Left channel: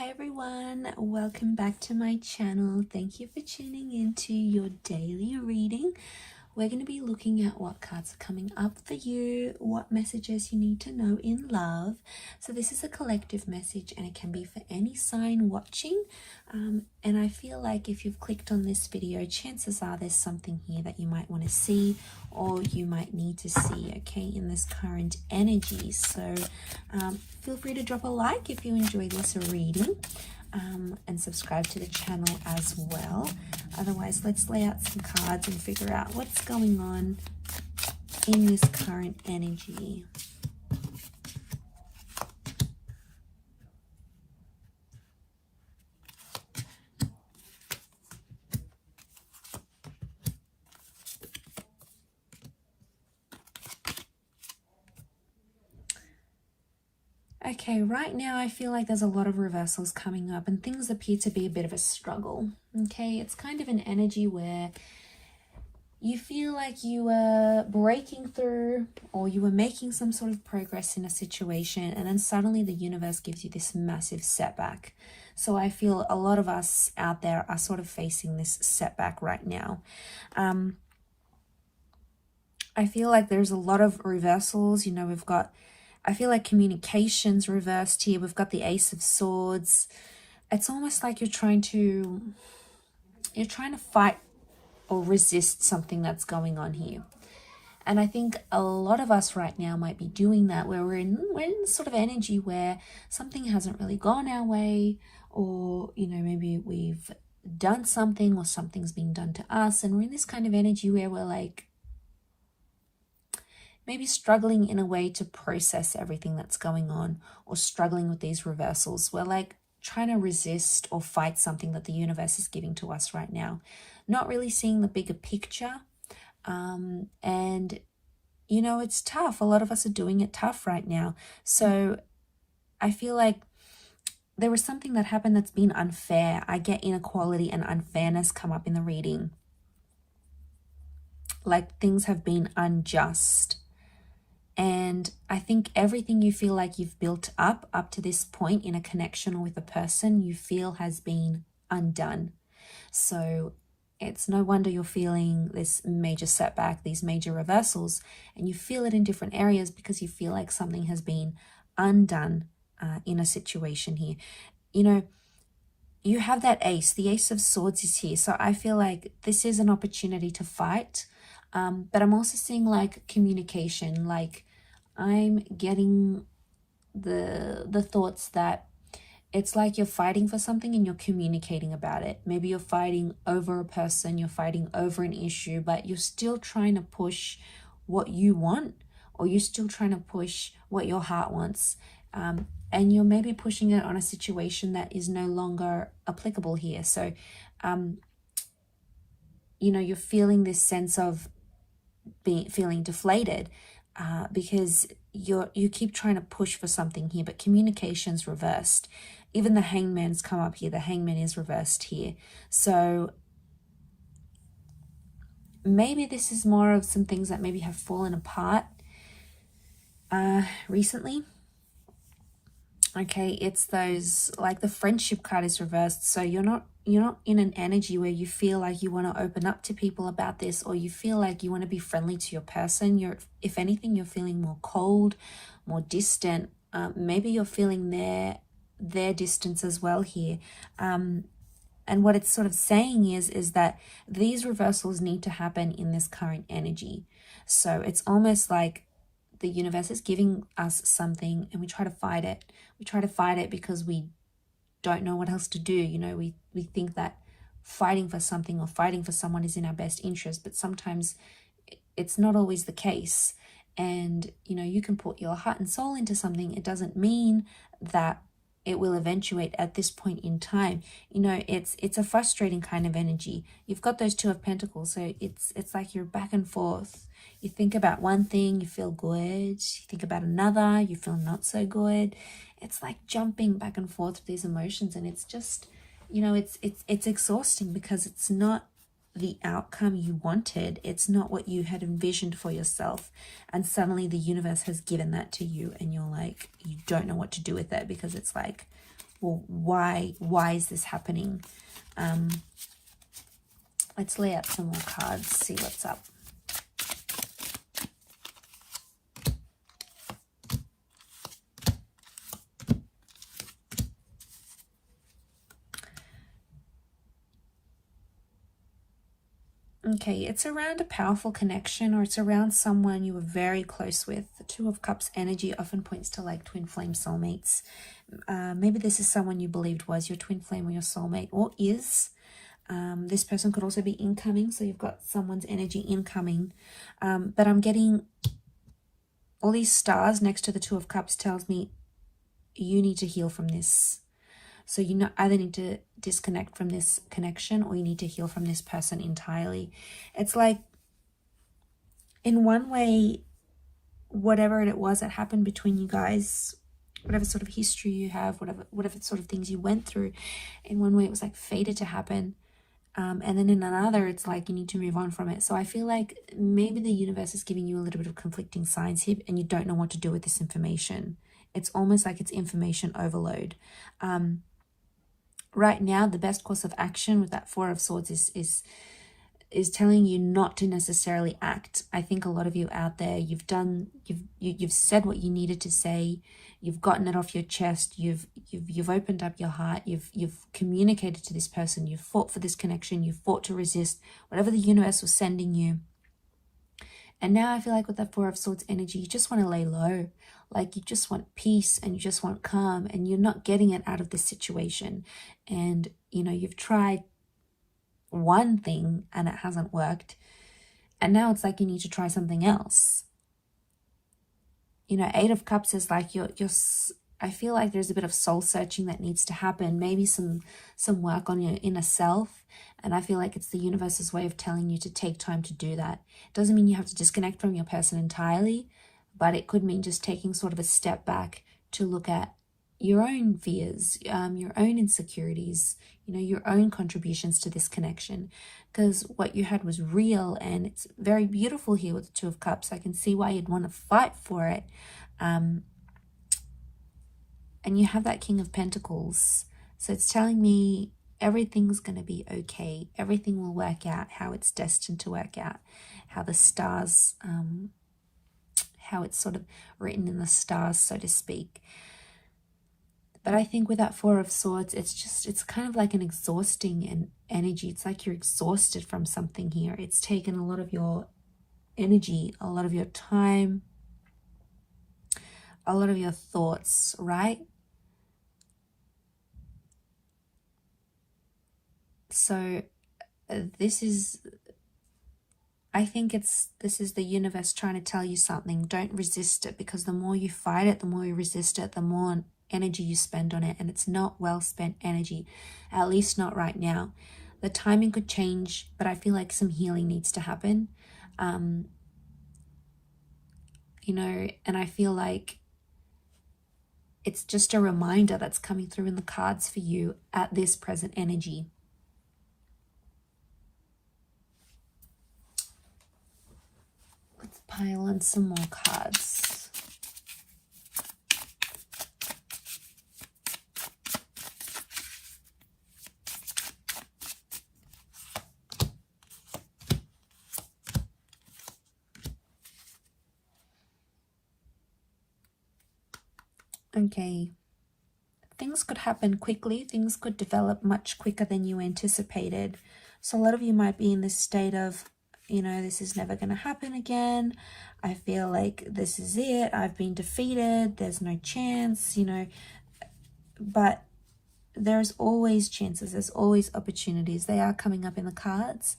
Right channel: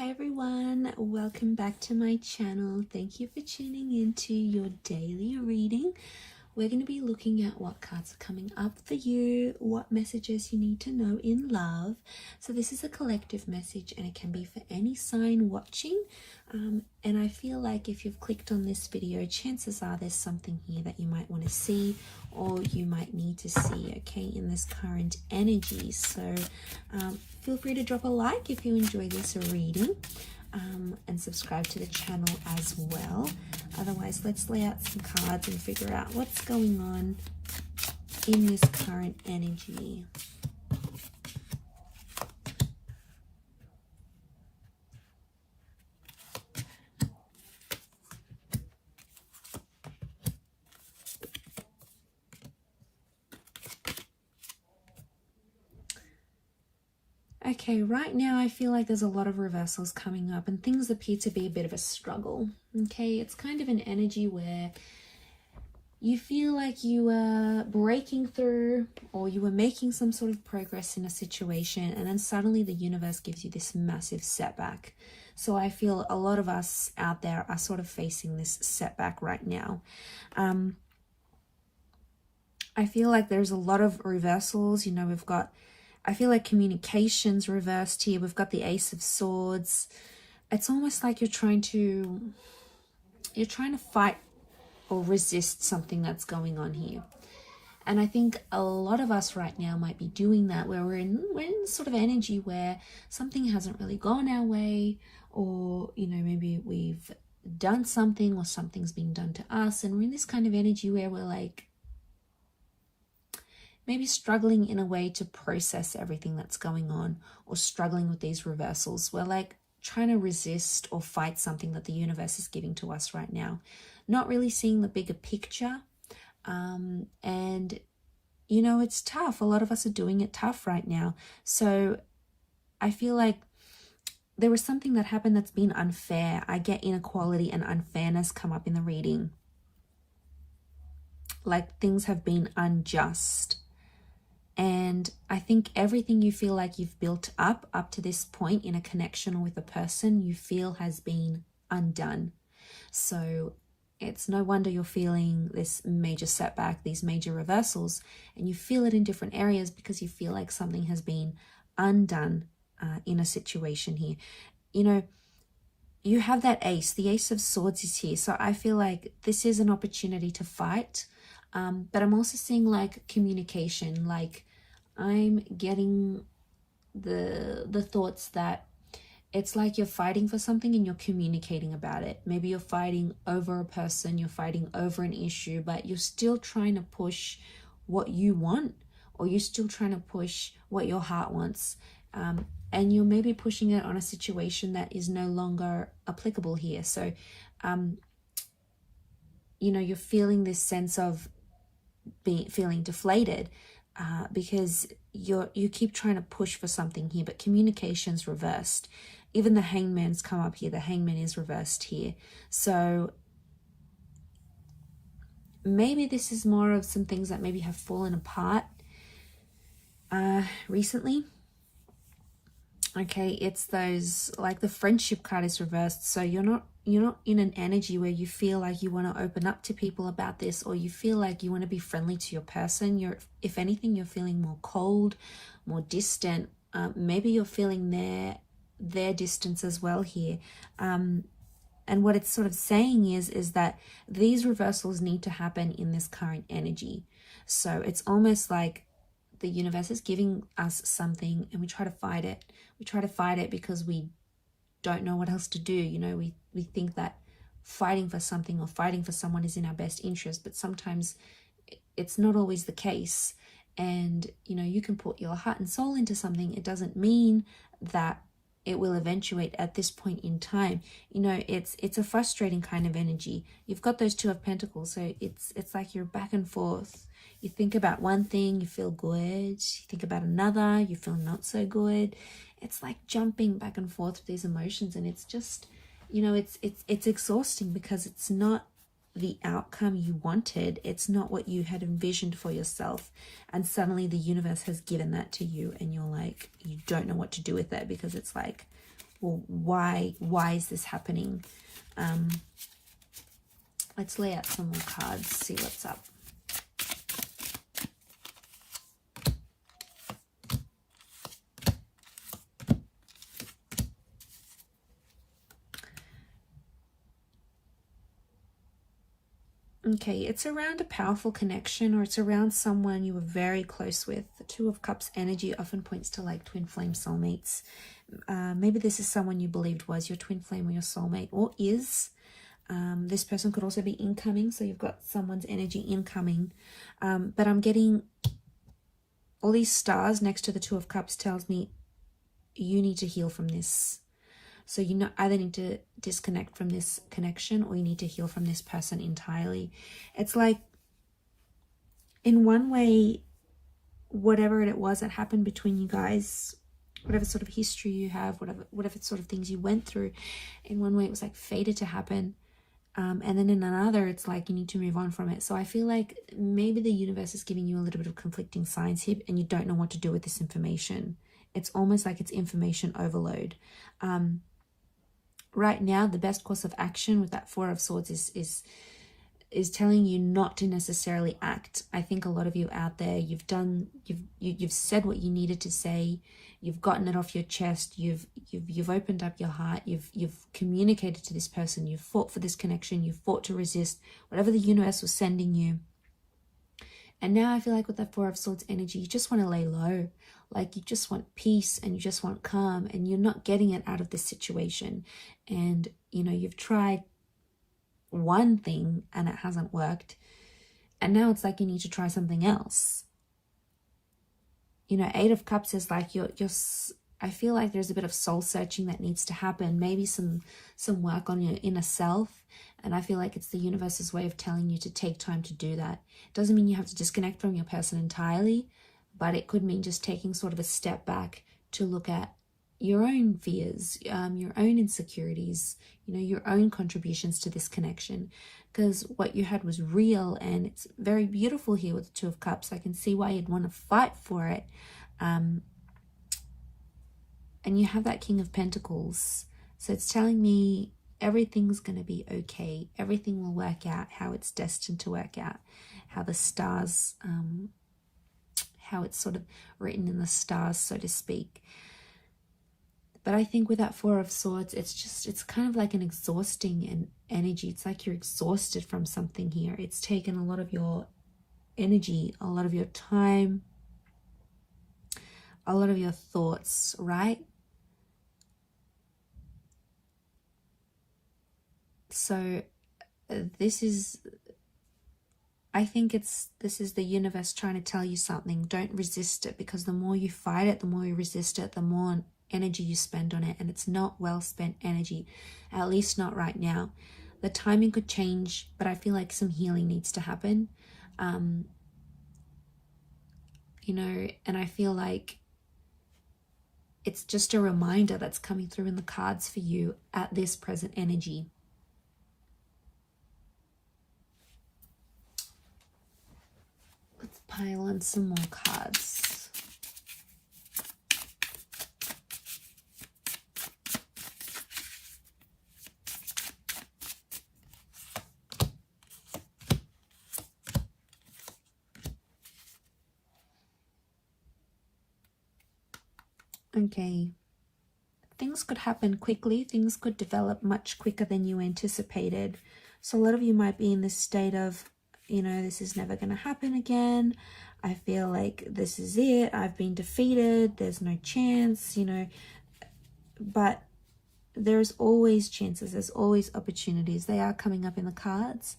Hi everyone, welcome back to my channel. Thank you for tuning into your daily reading. We're going to be looking at what cards are coming up for you, what messages you need to know in love. So this is a collective message and it can be for any sign watching. And I feel like if you've clicked on this video, chances are there's something here that you might want to see or you might need to see, okay, in this current energy. So feel free to drop a like if you enjoy this reading, and subscribe to the channel as well. Otherwise, let's lay out some cards and figure out what's going on in this current energy. Okay, right now I feel like there's a lot of reversals coming up and things appear to be a bit of a struggle. Okay, it's kind of an energy where you feel like you were breaking through or you were making some sort of progress in a situation, and then suddenly the universe gives you this massive setback. So I feel a lot of us out there are sort of facing this setback right now. I feel like there's a lot of reversals. You know, we've got, I feel like communication's reversed here. We've got the Ace of Swords. It's almost like you're trying to fight or resist something that's going on here. And I think a lot of us right now might be doing that, where we're in sort of energy where something hasn't really gone our way, or, you know, maybe we've done something or something's being done to us. And we're in this kind of energy where we're like, maybe struggling in a way to process everything that's going on, or struggling with these reversals. We're like trying to resist or fight something that the universe is giving to us right now, not really seeing the bigger picture. And, you know, it's tough. A lot of us are doing it tough right now. So I feel like there was something that happened that's been unfair. I get inequality and unfairness come up in the reading. Like things have been unjust. And I think everything you feel like you've built up to this point in a connection or with a person, you feel has been undone. So it's no wonder you're feeling this major setback, these major reversals, and you feel it in different areas because you feel like something has been undone in a situation here. You know, you have that ace, the Ace of Swords is here. So I feel like this is an opportunity to fight. But I'm also seeing like communication, like I'm getting the thoughts that it's like you're fighting for something and you're communicating about it. Maybe you're fighting over a person, you're fighting over an issue, but you're still trying to push what you want, or you're still trying to push what your heart wants. And you're maybe pushing it on a situation that is no longer applicable here. So, you know, you're feeling this sense of feeling deflated because you keep trying to push for something here, but communication's reversed. Even the Hangman's come up here. The Hangman is reversed here. So maybe this is more of some things that maybe have fallen apart recently. Okay, it's those, like the Friendship card is reversed. So you're not in an energy where you feel like you want to open up to people about this, or you feel like you want to be friendly to your person. If anything, you're feeling more cold, more distant. Maybe you're feeling their distance as well here. And what it's sort of saying is that these reversals need to happen in this current energy. So it's almost like the universe is giving us something and we try to fight it. We try to fight it because we don't know what else to do. You know, we think that fighting for something or fighting for someone is in our best interest, but sometimes it's not always the case. And, you know, you can put your heart and soul into something. It doesn't mean that it will eventuate at this point in time. You know, it's a frustrating kind of energy. You've got those Two of Pentacles, so it's like you're back and forth. You think about one thing, you feel good. You think about another, you feel not so good. It's like jumping back and forth with these emotions, and it's just, you know, it's exhausting because it's not the outcome you wanted. It's not what you had envisioned for yourself. And suddenly the universe has given that to you and you're like, you don't know what to do with it, because it's like well, why is this happening? Let's lay out some more cards, see what's up. Okay, it's around a powerful connection, or it's around someone you were very close with. The Two of Cups energy often points to like twin flame soulmates. Maybe this is someone you believed was your twin flame or your soulmate, or is. This person could also be incoming, so you've got someone's energy incoming. But I'm getting all these stars next to the Two of Cups tells me you need to heal from this. So you either need to disconnect from this connection, or you need to heal from this person entirely. It's like, in one way, whatever it was that happened between you guys, whatever sort of history you have, whatever sort of things you went through, in one way it was like fated to happen. And then in another, it's like you need to move on from it. So I feel like maybe the universe is giving you a little bit of conflicting signs here, and you don't know what to do with this information. It's almost like it's information overload. Right now, the best course of action with that Four of Swords is telling you not to necessarily act. I think a lot of you out there, you've said what you needed to say. You've gotten it off your chest. You've opened up your heart. You've communicated to this person. You've fought for this connection. You've fought to resist whatever the universe was sending you. And now I feel like with the Four of Swords energy, you just want to lay low. Like you just want peace and you just want calm, and you're not getting it out of this situation. And, you know, you've tried one thing and it hasn't worked. And now it's like you need to try something else. You know, Eight of Cups is like I feel like there's a bit of soul searching that needs to happen. Maybe some work on your inner self. And I feel like it's the universe's way of telling you to take time to do that. It doesn't mean you have to disconnect from your person entirely, but it could mean just taking sort of a step back to look at your own fears, your own insecurities, you know, your own contributions to this connection. Because what you had was real, and it's very beautiful here with the Two of Cups. I can see why you'd want to fight for it. And you have that King of Pentacles. So it's telling me everything's going to be okay. Everything will work out how it's destined to work out. How the stars, how it's sort of written in the stars, so to speak. But I think with that Four of Swords, it's kind of like an exhausting energy. It's like you're exhausted from something here. It's taken a lot of your energy, a lot of your time, a lot of your thoughts, right? So I think this is the universe trying to tell you something. Don't resist it, because the more you fight it, the more you resist it, the more energy you spend on it, and it's not well spent energy, at least not right now. The timing could change, but I feel like some healing needs to happen. You know, and I feel like it's just a reminder that's coming through in the cards for you at this present energy. Let's pile on some more cards. Okay, things could happen quickly. Things could develop much quicker than you anticipated. So a lot of you might be in this state of, you know, this is never going to happen again. I feel like this is it. I've been defeated. There's no chance, you know. But there's always chances. There's always opportunities. They are coming up in the cards.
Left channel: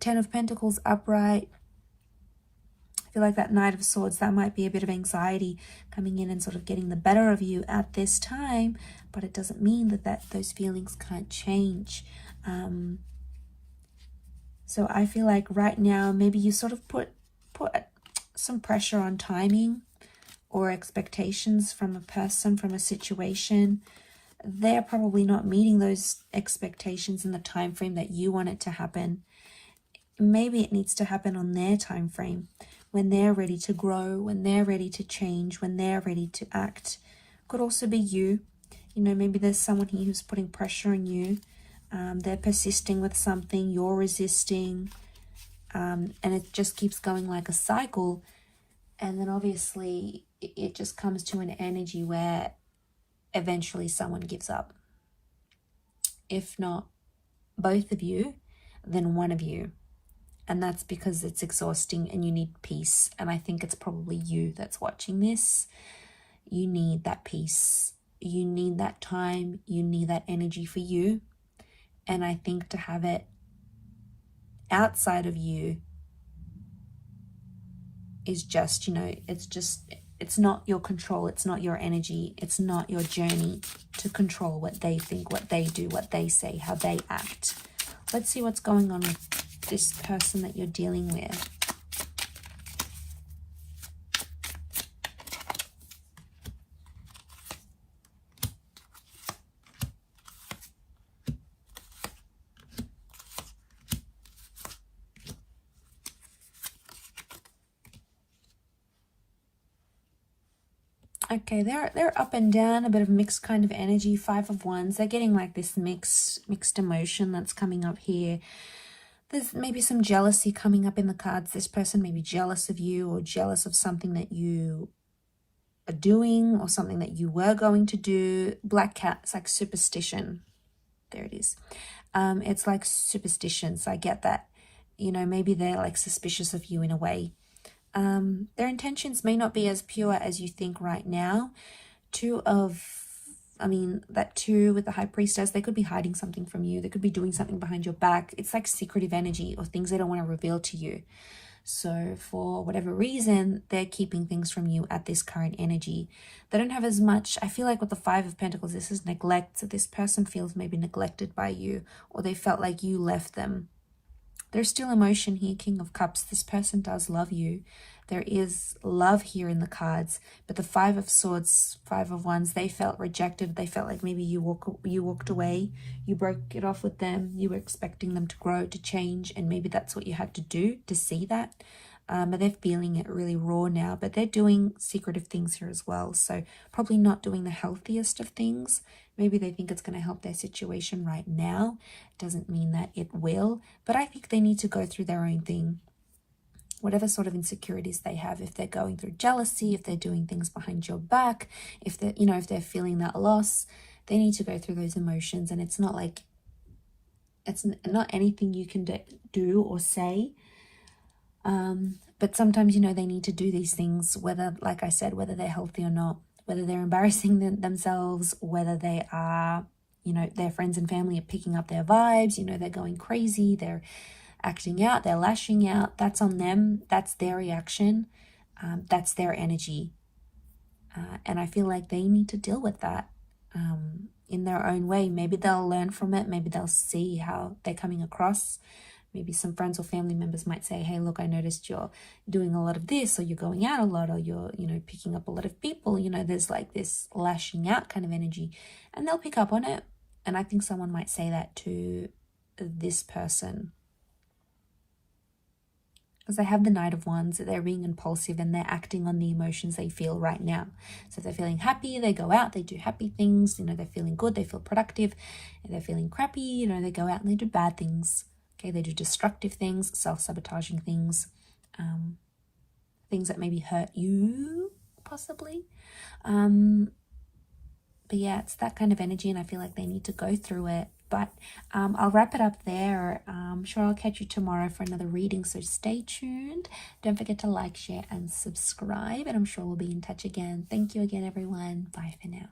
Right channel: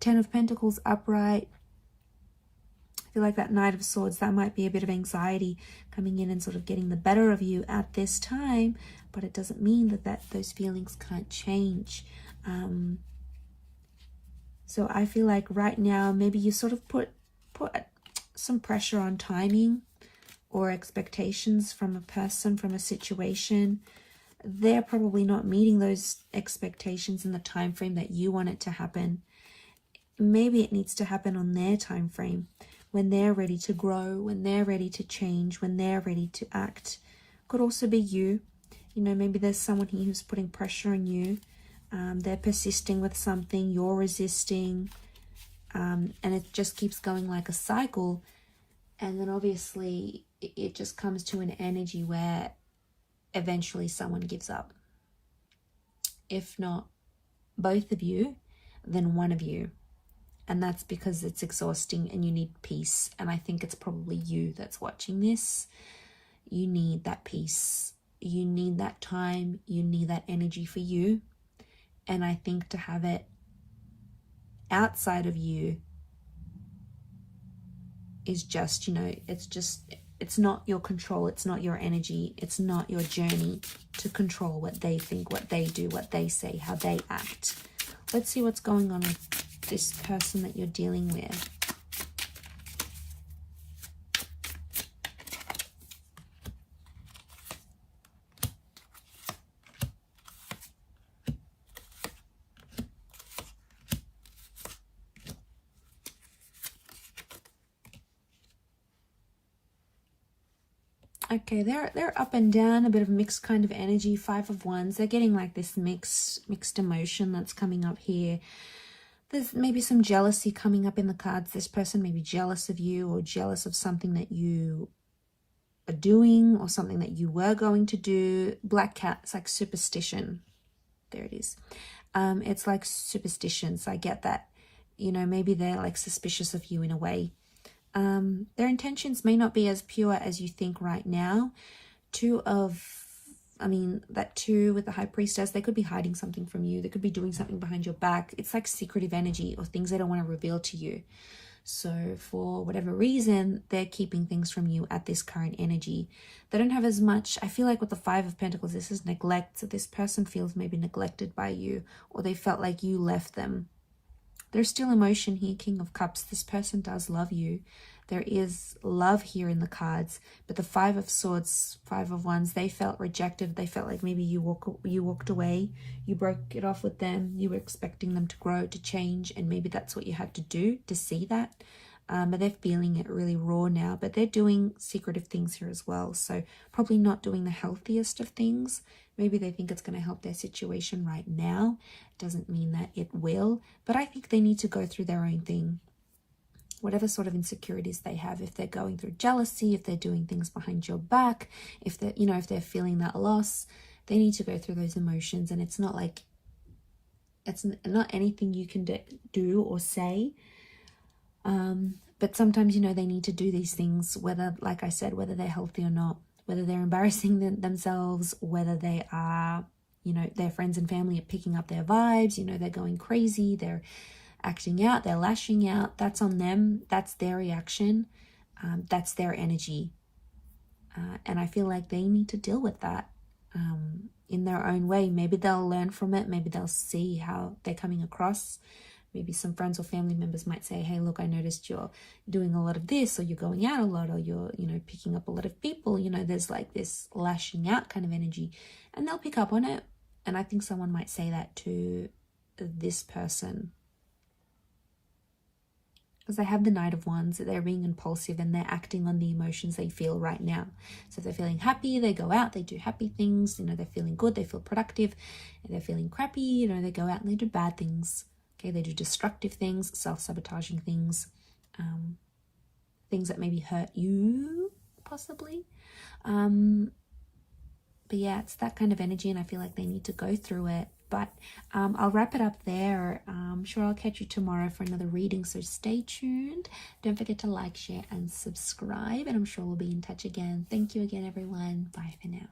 Ten of Pentacles upright. I feel like that Knight of Swords, that might be a bit of anxiety coming in and sort of getting the better of you at this time, but it doesn't mean that those feelings can't change. So I feel like right now, maybe you sort of put some pressure on timing or expectations from a person, from a situation. They're probably not meeting those expectations in the time frame that you want it to happen. Maybe it needs to happen on their time frame, when they're ready to grow, when they're ready to change, when they're ready to act. Could also be you. You know, maybe there's someone here who's putting pressure on you. They're persisting with something, you're resisting, and it just keeps going like a cycle. And then obviously it just comes to an energy where eventually someone gives up. If not both of you, then one of you. And that's because it's exhausting and you need peace. And I think it's probably you that's watching this. You need that peace. You need that time. You need that energy for you. And I think to have it outside of you is just, you know, it's not your control. It's not your energy. It's not your journey to control what they think, what they do, what they say, how they act. Let's see what's going on with this person that you're dealing with. Okay, they're up and down, a bit of mixed kind of energy. 5 of Wands. They're getting like this mixed emotion that's coming up here. There's maybe some jealousy coming up in the cards. This person may be jealous of you or jealous of something that you are doing or something that you were going to do. Black cat, it's like superstition. There it is. It's like superstition, so I get that. You know, maybe they're like suspicious of you in a way. Their intentions may not be as pure as you think right now. That 2 with the High Priestess, they could be hiding something from you. They could be doing something behind your back. It's like secretive energy or things they don't want to reveal to you. So for whatever reason, they're keeping things from you at this current energy. They don't have as much, I feel like with the 5 of Pentacles, this is neglect. So this person feels maybe neglected by you, or they felt like you left them. There's still emotion here, King of Cups. This person does love you. There is love here in the cards, but the 5 of Swords, 5 of Wands, they felt rejected. They felt like maybe you walked away, you broke it off with them, you were expecting them to grow, to change, and maybe that's what you had to do to see that. But they're feeling it really raw now, but they're doing secretive things here as well. So probably not doing the healthiest of things. Maybe they think it's going to help their situation right now. Doesn't mean that it will, but I think they need to go through their own thing. Whatever sort of insecurities they have, if they're going through jealousy, if they're doing things behind your back, if they're, you know, if they're feeling that loss, they need to go through those emotions. And it's not like, it's not anything you can do or say. But sometimes, you know, they need to do these things, whether, like I said, whether they're healthy or not, whether they're embarrassing themselves, whether they are, you know, their friends and family are picking up their vibes, you know, they're going crazy, they're acting out, they're lashing out. That's on them. That's their reaction. That's their energy. And I feel like they need to deal with that in their own way. Maybe they'll learn from it. Maybe they'll see how they're coming across. Maybe some friends or family members might say, hey, look, I noticed you're doing a lot of this, or you're going out a lot, or you're, you know, picking up a lot of people. You know, there's like this lashing out kind of energy, and they'll pick up on it. And I think someone might say that to this person, because they have the Knight of Wands. They're being impulsive and they're acting on the emotions they feel right now. So if they're feeling happy, they go out, they do happy things. You know, they're feeling good, they feel productive. If they're feeling crappy, you know, they go out and they do bad things. Okay, they do destructive things, self-sabotaging things, things that maybe hurt you, possibly. But yeah, it's that kind of energy, and I feel like they need to go through it. But I'll wrap it up there. I'm sure I'll catch you tomorrow for another reading, so stay tuned. Don't forget to like, share, and subscribe, and I'm sure we'll be in touch again. Thank you again, everyone. Bye for now.